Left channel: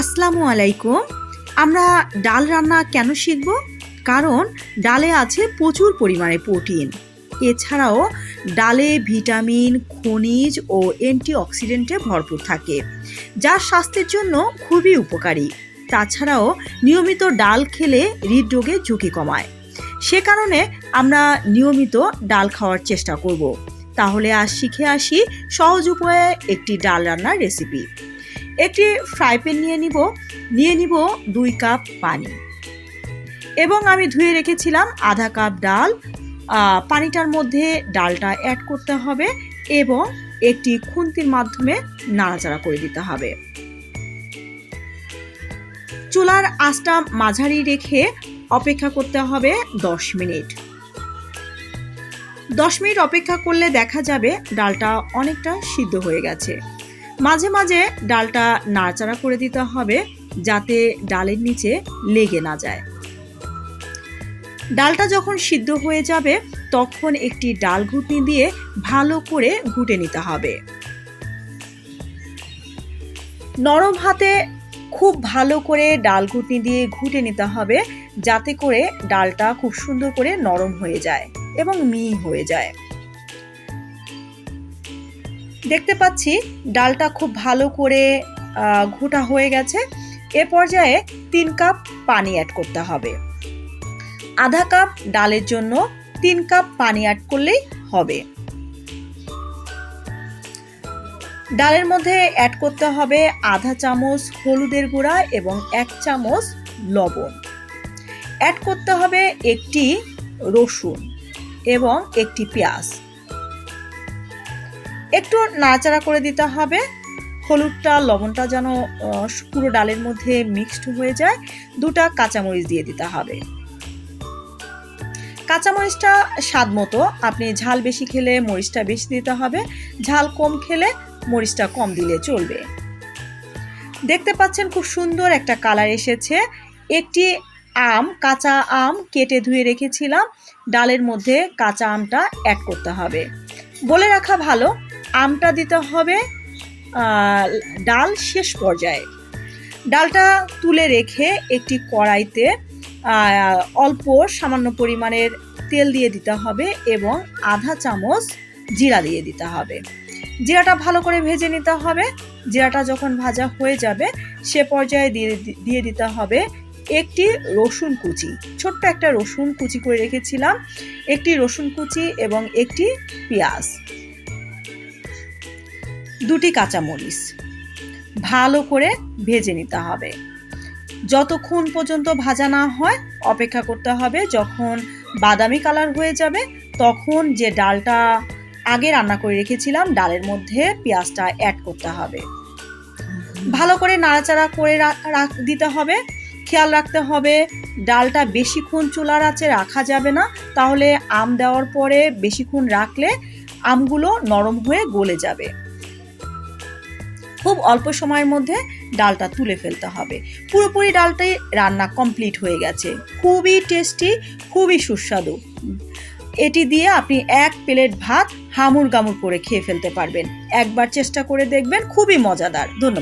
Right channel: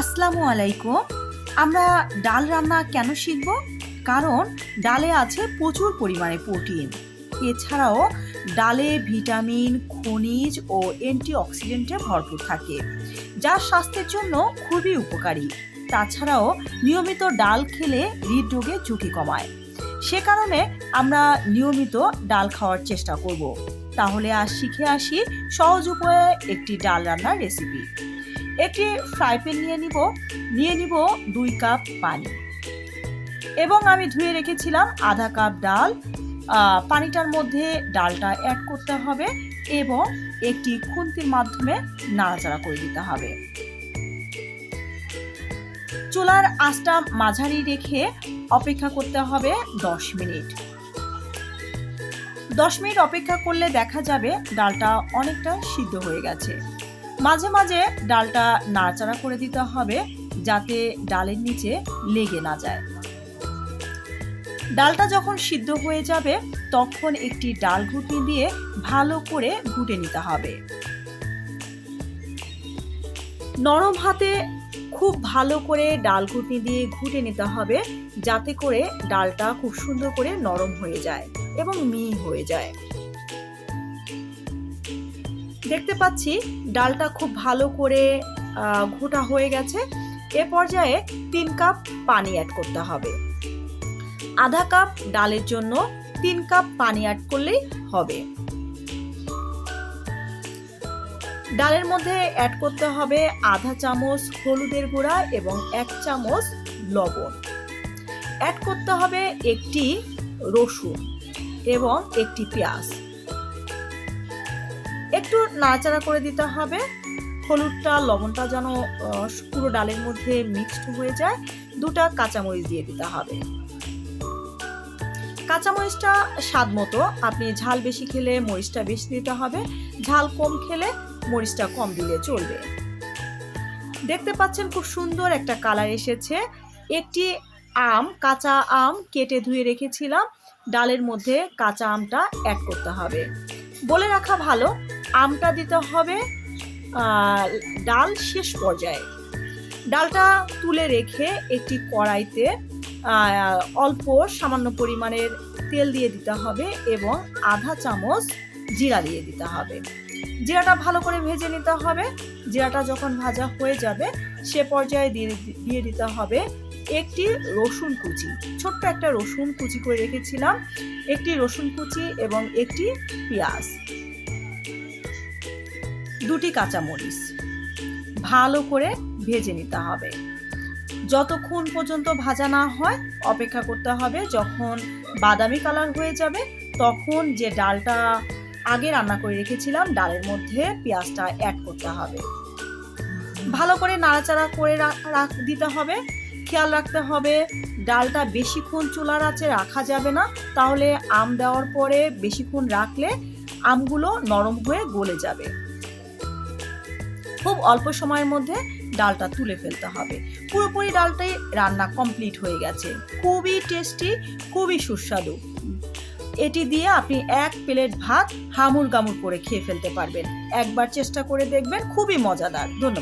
আসসালামু আলাইকুম। আমরা ডাল রান্না কেন শিখব? কারণ ডালে আছে প্রচুর পরিমাণে প্রোটিন। এছাড়াও ডালে ভিটামিন, খনিজ ও অ্যান্টিঅক্সিডেন্টে ভরপুর থাকে, যা স্বাস্থ্যের জন্য খুবই উপকারী। তাছাড়াও নিয়মিত ডাল খেলে হৃদরোগের ঝুঁকি কমায়। সে কারণে আমরা নিয়মিত ডাল খাওয়ার চেষ্টা করব। তাহলে আজ শিখে আসি সহজ উপায়ে একটি ডাল রান্নার রেসিপি। একটি ফ্রাই প্যান নিয়ে নিব 2 কাপ পানি, এবং আমি ধুয়ে রেখেছিলাম আধা কাপ ডাল। পানিটার মধ্যে ডালটা অ্যাড করতে হবে এবং একটি খুন্তির মাধ্যমে নাড়াচাড়া করে দিতে হবে। চুলার আঁচটা মাঝারি রেখে অপেক্ষা করতে হবে 10 মিনিট। 10 মিনিট অপেক্ষা করলে দেখা যাবে ডালটা অনেকটা সিদ্ধ হয়ে গেছে। মাঝে মাঝে ডালটা নাড়াচাড়া করে দিতে হবে যাতে ডালের নিচে লেগে না যায়। ডালটা যখন সিদ্ধ হয়ে যাবে তখন একটি ডাল ঘুটনি দিয়ে ভালো করে ঘুটে নিতে হবে। নরম হাতে খুব ভালো করে ডাল ঘুটনি দিয়ে ঘুটে নিতে হবে যাতে করে ডালটা খুব সুন্দর করে নরম হয়ে যায় এবং মিহি হয়ে যায়। দেখতে পাচ্ছি ডালটা খুব ভালো করে ঘোটা হয়ে গেছে। এ পর্যায়ে 3 কাপ পানি অ্যাড করতে হবে। আধা কাপ ডালের জন্য 3 কাপ পানি অ্যাড করলেই হবে। ডালের মধ্যে অ্যাড করতে হবে আধা চামচ হলুদের গুঁড়া এবং 1 চামচ লবণ। অ্যাড করতে হবে একটি রসুন এবং একটি পেঁয়াজ। একটু নাড়াচাড়া করে দিতে হবে। হলুদটা লবণটা যেন পুরো ডালের মধ্যে মিক্সড হয়ে যায়। 2টা কাঁচামরিচ দিয়ে দিতে হবে। কাঁচামরিচটা স্বাদ মতো, আপনি ঝাল বেশি খেলে মরিচটা বেশি দিতে হবে, ঝাল কম খেলে মরিচটা কম দিলে চলবে। দেখতে পাচ্ছেন খুব সুন্দর একটা কালার এসেছে। একটি কাঁচা আম কেটে ধুয়ে রেখেছিলাম, ডালের মধ্যে কাঁচা আমটা অ্যাড করতে হবে। বলে রাখা ভালো, আমটা দিতে হবে ডাল শেষ পর্যায়ে। ডালটা তুলে রেখে একটি কড়াইতে অল্প সামান্য পরিমাণের তেল দিয়ে দিতে হবে এবং আধা চামচ জিরা দিয়ে দিতে হবে। জিরাটা ভালো করে ভেজে নিতে হবে। জিরাটা যখন ভাজা হয়ে যাবে সে পর্যায়ে দিয়ে দিতে হবে একটি রসুন কুচি। ছোট্ট একটা রসুন কুচি করে রেখেছিলাম, একটি রসুন কুচি এবং একটি পেঁয়াজ, 2টি কাঁচামরিচ ভালো করে ভেজে নিতে হবে। যতক্ষণ পর্যন্ত ভাজা না হয় অপেক্ষা করতে হবে। যখন বাদামি কালার হয়ে যাবে তখন যে ডালটা আগে রান্না করে রেখেছিলাম ডালের মধ্যে পেঁয়াজটা অ্যাড করতে হবে। ভালো করে নাড়াচাড়া করে দিতে হবে। খেয়াল রাখতে হবে ডালটা বেশিক্ষণ চুলার আঁচে রাখা যাবে না, তাহলে আম দেওয়ার পরে বেশিক্ষণ রাখলে আমগুলো নরম হয়ে গলে যাবে। খুব অল্প সময়ের মধ্যে ডালটা তুলে ফেলতে হবে। পুরোপুরি ডালটাই রান্না কমপ্লিট হয়ে গেছে। খুবই টেস্টি, খুবই সুস্বাদু। এটি দিয়ে আপনি 1 প্লেট ভাত হামুর গামুর করে খেয়ে ফেলতে পারবেন। একবার চেষ্টা করে দেখবেন, খুবই মজাদার। ধন্যবাদ।